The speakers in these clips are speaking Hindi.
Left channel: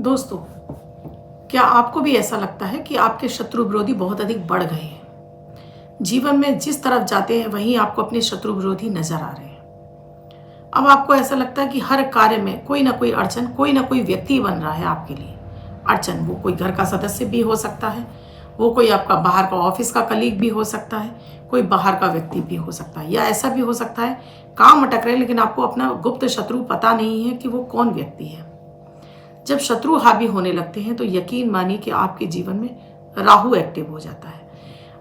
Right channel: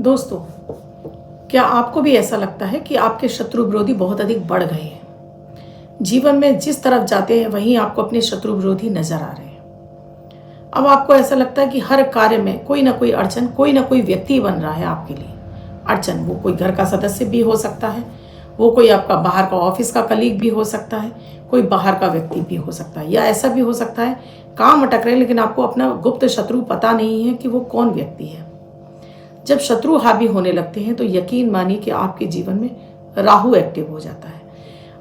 दोस्तों, क्या आपको भी ऐसा लगता है कि आपके शत्रु विरोधी बहुत अधिक बढ़ गए हैं? जीवन में जिस तरफ जाते हैं वहीं आपको अपने शत्रु विरोधी नजर आ रहे हैं। अब आपको ऐसा लगता है कि हर कार्य में कोई ना कोई अड़चन, कोई ना कोई व्यक्ति बन रहा है आपके लिए। अड़चन वो कोई घर का सदस्य भी हो सकता है, वो कोई आपका बाहर का ऑफिस का कलीग भी हो सकता है, कोई बाहर का व्यक्ति भी हो सकता है, या ऐसा भी हो सकता है काम अटक रहे लेकिन आपको अपना गुप्त शत्रु पता नहीं है कि वो कौन व्यक्ति है। जब शत्रु हावी होने लगते हैं तो यकीन मानिए कि आपके जीवन में राहु एक्टिव हो जाता है।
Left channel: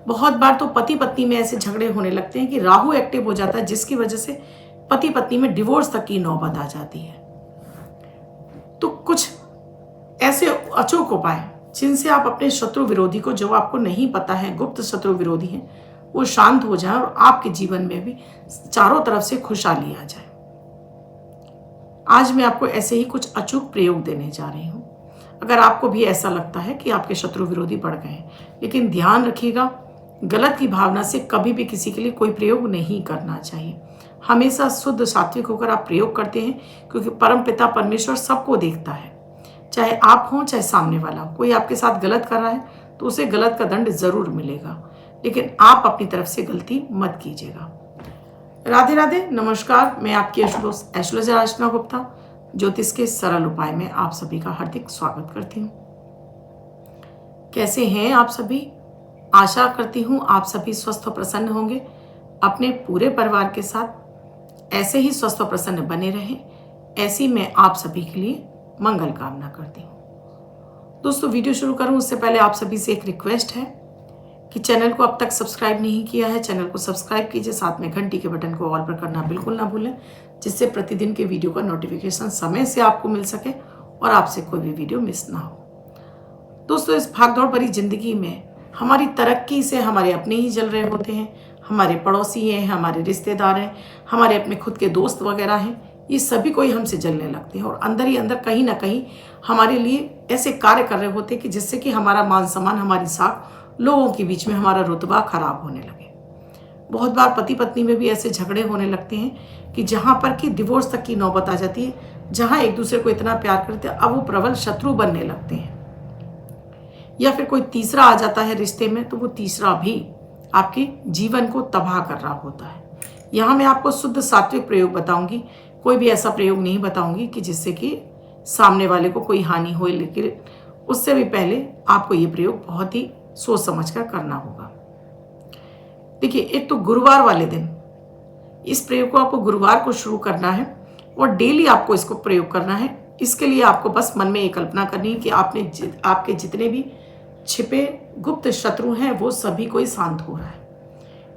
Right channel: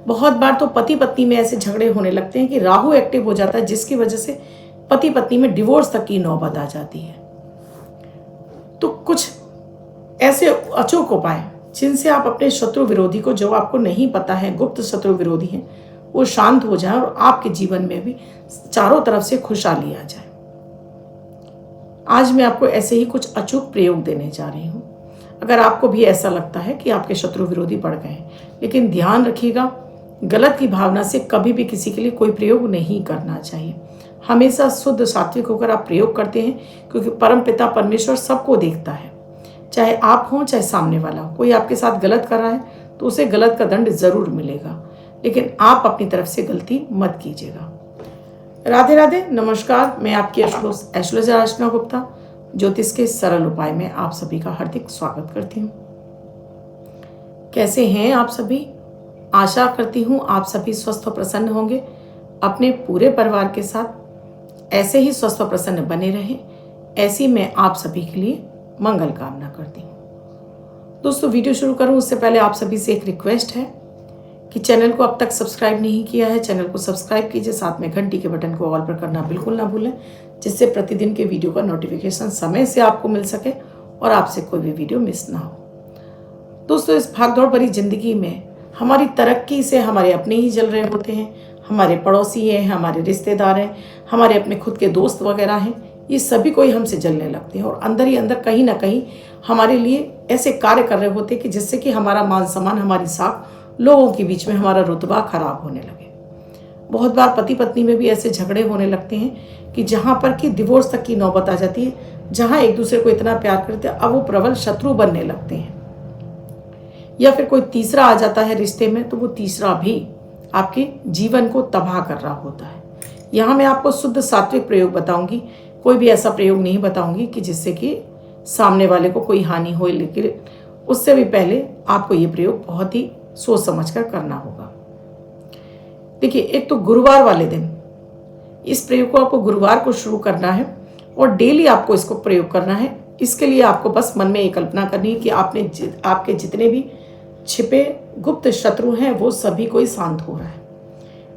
बहुत बार तो पति पत्नी में ऐसे झगड़े होने लगते हैं कि राहु एक्टिव हो जाता है, जिसकी वजह से पति पत्नी में डिवोर्स तक की नौबत आ जाती है। तो कुछ ऐसे अचूक उपाय जिनसे आप अपने शत्रु विरोधी को, जो आपको नहीं पता है गुप्त शत्रु विरोधी है, वो शांत हो जाए और आपके जीवन में भी चारों तरफ से खुशहाली आ जाए। आज मैं आपको ऐसे ही कुछ अचूक प्रयोग देने जा रही हूँ। अगर आपको भी ऐसा लगता है कि आपके शत्रु विरोधी बढ़ गए हैं, लेकिन ध्यान रखिएगा, गलत की भावना से कभी भी किसी के लिए कोई प्रयोग नहीं करना चाहिए। हमेशा शुद्ध सात्विक होकर आप प्रयोग करते हैं, क्योंकि परमपिता परमेश्वर सबको देखता है। चाहे आप हों चाहे सामने वाला हो, कोई आपके साथ गलत कर रहा है तो उसे गलत का दंड जरूर मिलेगा, लेकिन आप अपनी तरफ से गलती मत कीजिएगा। राधे राधे, नमस्कार। मैं आपकी एस्ट्रोलॉजर अर्चना गुप्ता ज्योतिष के सरल उपाय में आप सभी का हार्दिक स्वागत करती हूँ। कैसे हैं आप सभी? आशा करती हूँ आप सभी स्वस्थ और प्रसन्न होंगे। अपने पूरे परिवार के साथ ऐसे ही स्वस्थ और प्रसन्न बने रहें, ऐसी मैं आप सभी के लिए मंगल कामना करती हूँ। दोस्तों, वीडियो शुरू करूँ उससे पहले आप सभी से एक रिक्वेस्ट है कि चैनल को अब तक सब्सक्राइब नहीं किया है, चैनल को सब्सक्राइब कीजिए, साथ में घंटी के बटन को ऑल पर करना बिल्कुल ना भूलें, जिससे प्रतिदिन के वीडियो का नोटिफिकेशन समय से आपको मिल सके और आपसे कोई भी वीडियो मिस ना हो। दोस्तों, इस भागदौड़ भरी जिंदगी में हमारी तरक्की से हमारे अपने ही जल रहे होते हैं, हमारे पड़ोसी हैं, हमारे रिश्तेदार हैं, हमारे अपने खुद के दोस्त वगैरह हैं, ये सभी कोई हमसे जलने लगते हैं और अंदर ही अंदर कहीं ना कहीं हमारे लिए ऐसे कार्य कर रहे होते हैं कि जिससे कि हमारा मान सम्मान, हमारी साख लोगों के बीच में, हमारा रुतबा खराब होने लगे। बहुत बार पति पत्नी में भी ऐसे झगड़े होने लगते हैं कि जहाँ पर कि डिवोर्स तक की नौबत आ जाती है। जहाँ एक दूसरे को इतना प्यार करते हैं, अब वो प्रबल शत्रु बनने लगते हैं। या फिर कोई तीसरा आ जाता है रिश्ते में, तो वो तीसरा भी आपके जीवन को तबाह कर रहा होता है। यहाँ मैं आपको शुद्ध सात्विक प्रयोग बताऊंगी, कोई भी ऐसा प्रयोग नहीं बताऊंगी कि जिससे कि सामने वाले को कोई हानि हो, लेकिन उससे भी पहले आपको ये प्रयोग बहुत ही सोच समझकर करना होगा। देखिए, एक तो गुरुवार वाले दिन इस प्रयोग को आपको गुरुवार को शुरू करना है और डेली आपको इसको प्रयोग करना है। इसके लिए आपको बस मन में एक कल्पना करनी है कि आपके जितने भी छिपे गुप्त शत्रु हैं वो सभी कोई शांत हो रहा है।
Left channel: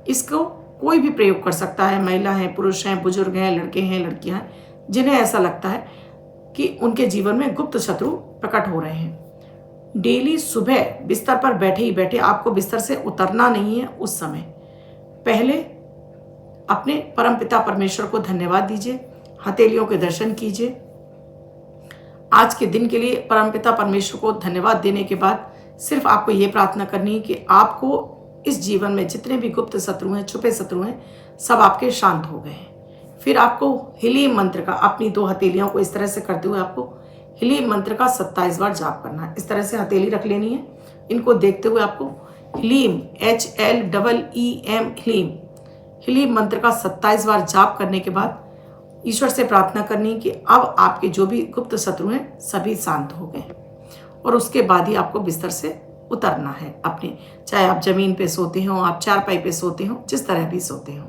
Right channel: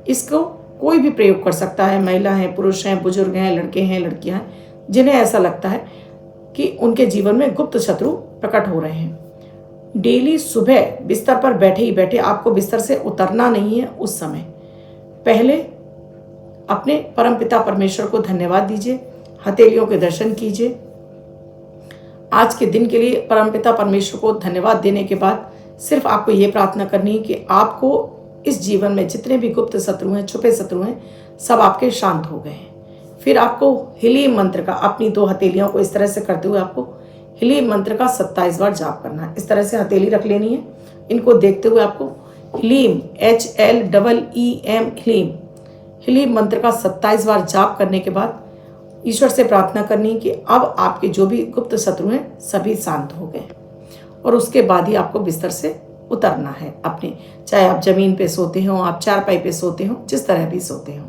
इसको कोई भी प्रयोग कर सकता है, महिला हैं, पुरुष हैं, बुजुर्ग हैं, लड़के हैं, लड़कियां हैं, जिन्हें ऐसा लगता है कि उनके जीवन में गुप्त शत्रु प्रकट हो रहे हैं। डेली सुबह बिस्तर पर बैठे ही बैठे आपको बिस्तर से उतरना नहीं है। उस समय पहले अपने परमपिता परमेश्वर को धन्यवाद दीजिए, हथेलियों के दर्शन कीजिए। आज के दिन के लिए परमपिता परमेश्वर को धन्यवाद देने के बाद सिर्फ आपको ये प्रार्थना करनी है कि आपको इस जीवन में जितने भी गुप्त शत्रु हैं, छुपे शत्रु हैं, सब आपके शांत हो गए हैं। फिर आपको हीलिंग मंत्र का, अपनी 2 हथेलियों को इस तरह से करते हुए आपको हीलिंग मंत्र का 27 बार जाप करना है। इस तरह से हथेली रख लेनी है, इनको देखते हुए आपको हीलिंग HLEEM हीलिंग मंत्र का 27 बार जाप करने के बाद ईश्वर से प्रार्थना करनी है कि अब आपके जो भी गुप्त शत्रु हैं सभी शांत हो गए। और उसके बाद ही आपको बिस्तर से उतरना है अपने, चाहे आप जमीन पे सोते हो, आप चारपाई पे सोते हो, जिस तरह भी सोते हो।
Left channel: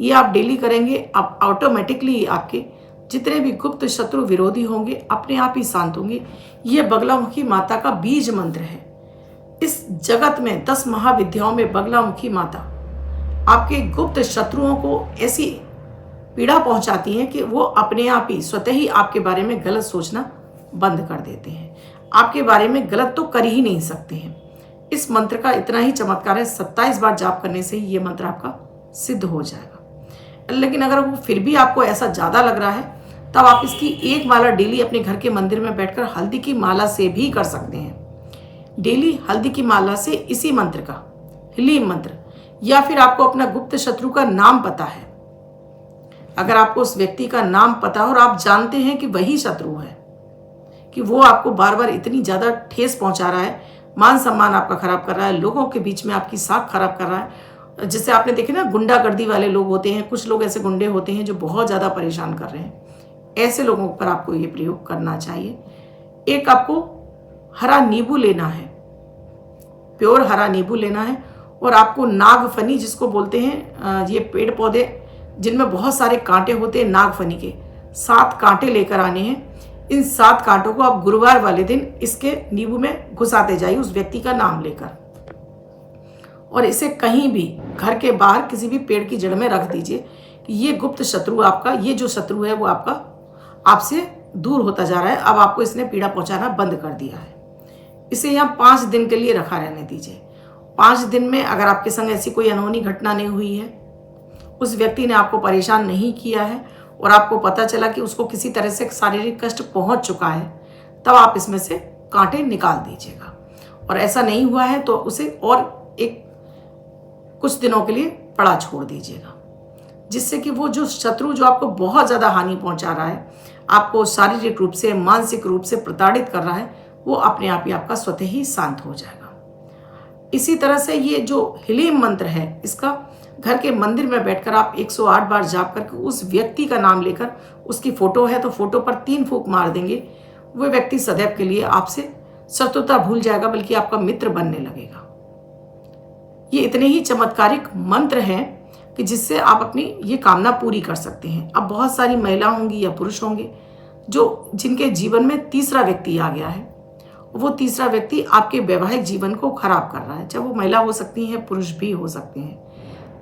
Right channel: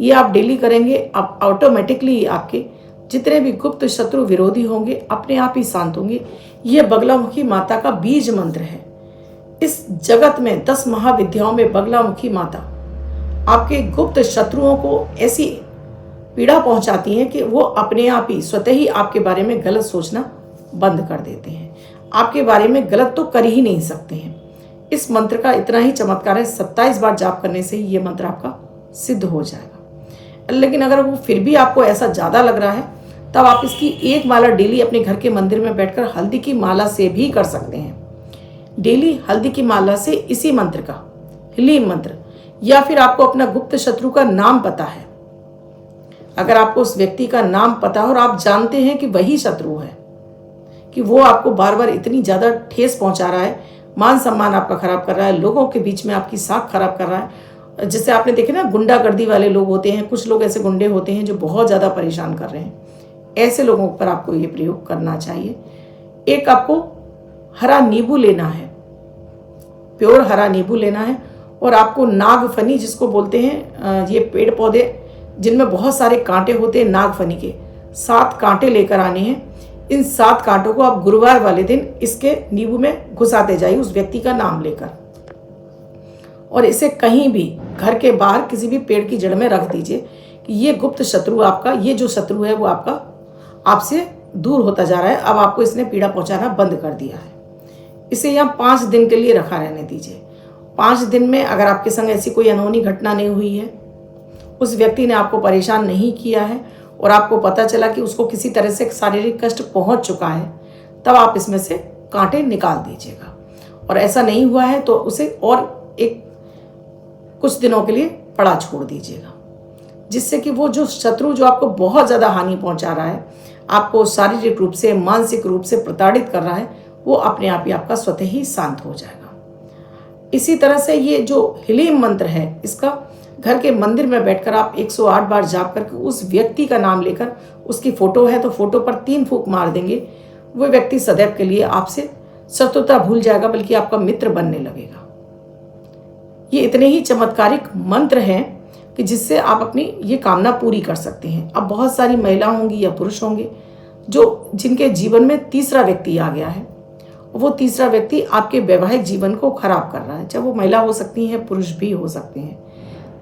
ये आप डेली करेंगे, अब ऑटोमेटिकली आपके जितने भी गुप्त शत्रु विरोधी होंगे अपने आप ही शांत होंगे। ये बगलामुखी माता का बीज मंत्र है। इस जगत में 10 महाविद्याओं में बगलामुखी माता आपके गुप्त शत्रुओं को ऐसी पीड़ा पहुंचाती है कि वो अपने आप ही स्वतः ही आपके बारे में गलत सोचना बंद कर देते हैं। आपके बारे में गलत तो कर ही नहीं सकते हैं। इस मंत्र का इतना ही चमत्कार है, 27 बार जाप करने से ही ये मंत्र आपका सिद्ध हो जाएगा। लेकिन अगर वो फिर भी आपको ऐसा ज़्यादा लग रहा है, तब आप इसकी 1 माला डेली अपने घर के मंदिर में बैठकर हल्दी की माला से भी कर सकते हैं। डेली हल्दी की माला से इसी मंत्र का, हीलिंग मंत्र, या फिर आपको अपना गुप्त शत्रु का नाम पता है, अगर आपको उस व्यक्ति का नाम पता है और आप जानते हैं कि वही शत्रु है, कि वो आपको बार बार इतनी ज़्यादा ठेस पहुंचा रहा है, मान सम्मान आपका खराब कर रहा है, लोगों के बीच में आपकी साख खराब कर रहा है। जैसे आपने देखे ना, गुंडागर्दी वाले लोग होते हैं, कुछ लोग ऐसे गुंडे होते हैं जो बहुत ज़्यादा परेशान कर रहे हैं। ऐसे लोगों पर आपको ये प्रयोग करना चाहिए। एक आपको हरा नींबू लेना है, प्योर हरा नींबू लेना है, और आपको नागफनी जिसको बोलते हैं, ये पेड़ पौधे जिनमें बहुत सारे कांटे होते हैं, नागफनी के 7 कांटे लेकर आने हैं। इन 7 कांटों को आप गुरुवार वाले दिन इसके नींबू में घुसाते जाइए उस व्यक्ति का नाम लेकर, और इसे कहीं भी घर के बाहर किसी भी पेड़ की जड़ में रख दीजिए कि ये गुप्त शत्रु आपका, ये जो शत्रु है वो आपका आपसे दूर होता जा रहा है। अब आपको इसने पीड़ा पहुंचाना बंद कर दिया है। इसे यहाँ 5 दिन के लिए रखा रहने दीजिए। 5 दिन में अगर आपके संग ऐसी कोई अनहोनी घटना नहीं हुई है, उस व्यक्ति ने आपको परेशान नहीं किया है और आपको पता चला कि उसको किसी तरह से शारीरिक कष्ट पहुंच चुका है, तब आप इसमें से कांटे निकाल दीजिएगा। और ऐसा नहीं हुआ है तो उसे और एक कुछ दिनों के लिए पड़ा छोड़ दीजिएगा, जिससे कि वो जो शत्रु जो आपको बहुत ज़्यादा हानि पहुंचा रहा है, आपको शारीरिक रूप से मानसिक रूप से प्रताड़ित कर रहा है, वो अपने आप ही आपका स्वतः ही शांत हो जाएगा। इसी तरह से ये जो हीलिंग मंत्र है, इसका घर के मंदिर में बैठकर आप 108 बार जाप करके उस व्यक्ति का नाम लेकर, उसकी फोटो है तो फोटो पर 3 फूंक मार देंगे, वो व्यक्ति सदैव के लिए आपसे शत्रुता भूल जाएगा, बल्कि आपका मित्र बनने लगेगा। ये इतने ही चमत्कारिक मंत्र हैं कि जिससे आप अपनी ये कामना पूरी कर सकते हैं। अब बहुत सारी महिला होंगी या पुरुष होंगे जिनके जीवन में तीसरा व्यक्ति आ गया है, वो तीसरा व्यक्ति आपके वैवाहिक जीवन को खराब कर रहा है। चाहे वो महिला हो सकती है, पुरुष भी हो सकते हैं,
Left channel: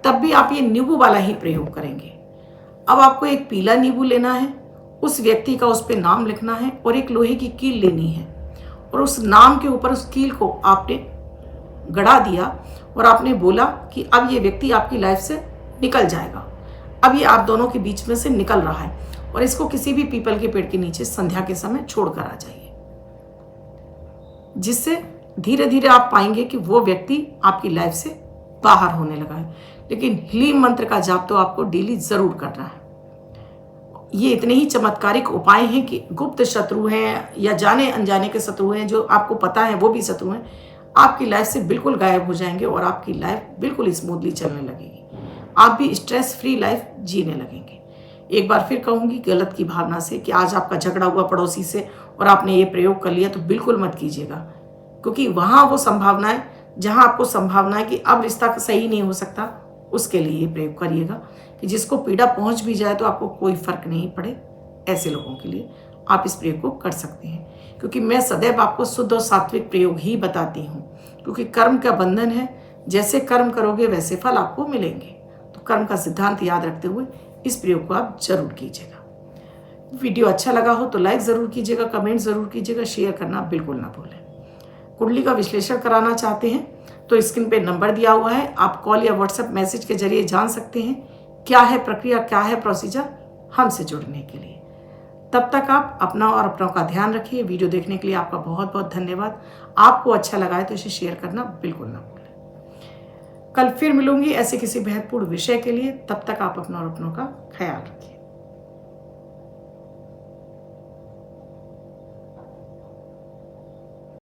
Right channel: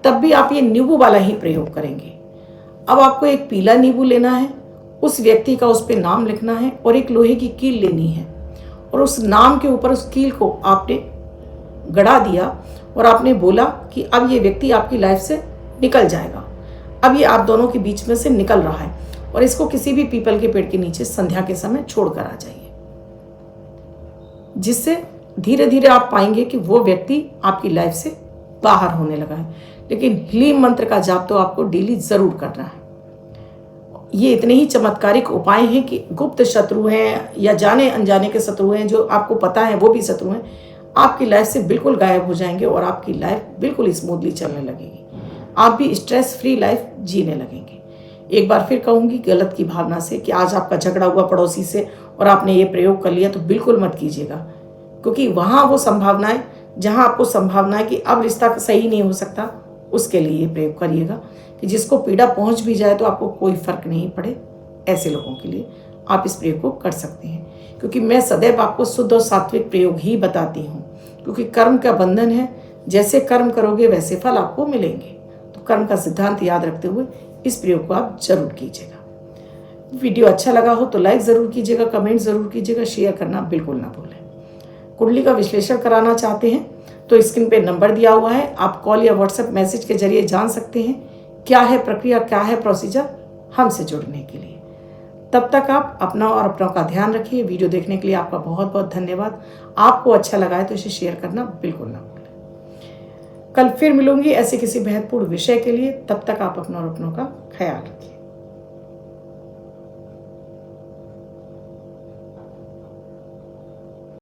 तब भी आप ये नींबू वाला ही प्रयोग करेंगे। अब आपको एक पीला नींबू लेना है, उस व्यक्ति का उस पर नाम लिखना है और एक लोहे की कील लेनी है, और उस नाम के ऊपर उस कील को आपने गड़ा दिया और आपने बोला कि अब ये व्यक्ति आपकी लाइफ से निकल जाएगा, अब ये आप दोनों के बीच में से निकल रहा है, और इसको किसी भी पीपल के पेड़ के नीचे संध्या के समय छोड़कर आ जाइए, जिससे धीरे धीरे आप पाएंगे कि वो व्यक्ति आपकी लाइफ से बाहर होने लगा है। लेकिन हीलिंग मंत्र का जाप तो आपको डेली जरूर करना है। ये इतने ही चमत्कारिक उपाय हैं कि गुप्त शत्रु हैं या जाने अनजाने के शत्रु हैं, जो आपको पता है वो भी शत्रु हैं, आपकी लाइफ से बिल्कुल गायब हो जाएंगे और आपकी लाइफ बिल्कुल स्मूथली चलने लगेगी। आप भी स्ट्रेस फ्री लाइफ जीने लगेंगे। एक बार फिर कहूँगी, गलत की भावना से कि आज आपका झगड़ा हुआ पड़ोसी से और आपने ये प्रयोग कर लिया, तो बिल्कुल मत कीजिएगा, क्योंकि वहाँ वो संभावनाएं, जहाँ आपको संभावना है कि अब रिश्ता सही नहीं हो सकता, उसके लिए ये प्रयोग करिएगा कि जिसको पीड़ा पहुँच भी जाए तो आपको कोई फर्क नहीं पड़े। ऐसे लोगों के लिए आप इस प्रयोग को कर सकते हैं, क्योंकि मैं सदैव आपको शुद्ध और सात्विक प्रयोग ही बताती हूँ, क्योंकि कर्म का बंधन है। जैसे कर्म करोगे वैसे फल आपको मिलेंगे। तो कर्म का सिद्धांत याद रखते हुए इस प्रयोग को आप जरूर कीजिएगा। वीडियो अच्छा लगा हो तो लाइक ज़रूर कीजिएगा, कमेंट ज़रूर कीजिएगा, शेयर करना बिल्कुल ना भूलें। कुंडली का विश्लेषण कराना चाहते हैं तो स्क्रीन पे नंबर दिया हुआ है, आप कॉल या व्हाट्सएप मैसेज के जरिए जान सकते हैं क्या है प्रक्रिया, क्या है प्रोसीजर हमसे जुड़ने के लिए। तब तक आप अपना और अपनों का ध्यान रखिए। वीडियो देखने के लिए आपका बहुत बहुत धन्यवाद। आपको अच्छा लगा है तो इसे शेयर करना बिल्कुल ना भूलें। कल फिर मिलूंगी ऐसे किसी महत्वपूर्ण विषय के लिए। तब तक आप अपना और अपनों का ख्याल रखिए।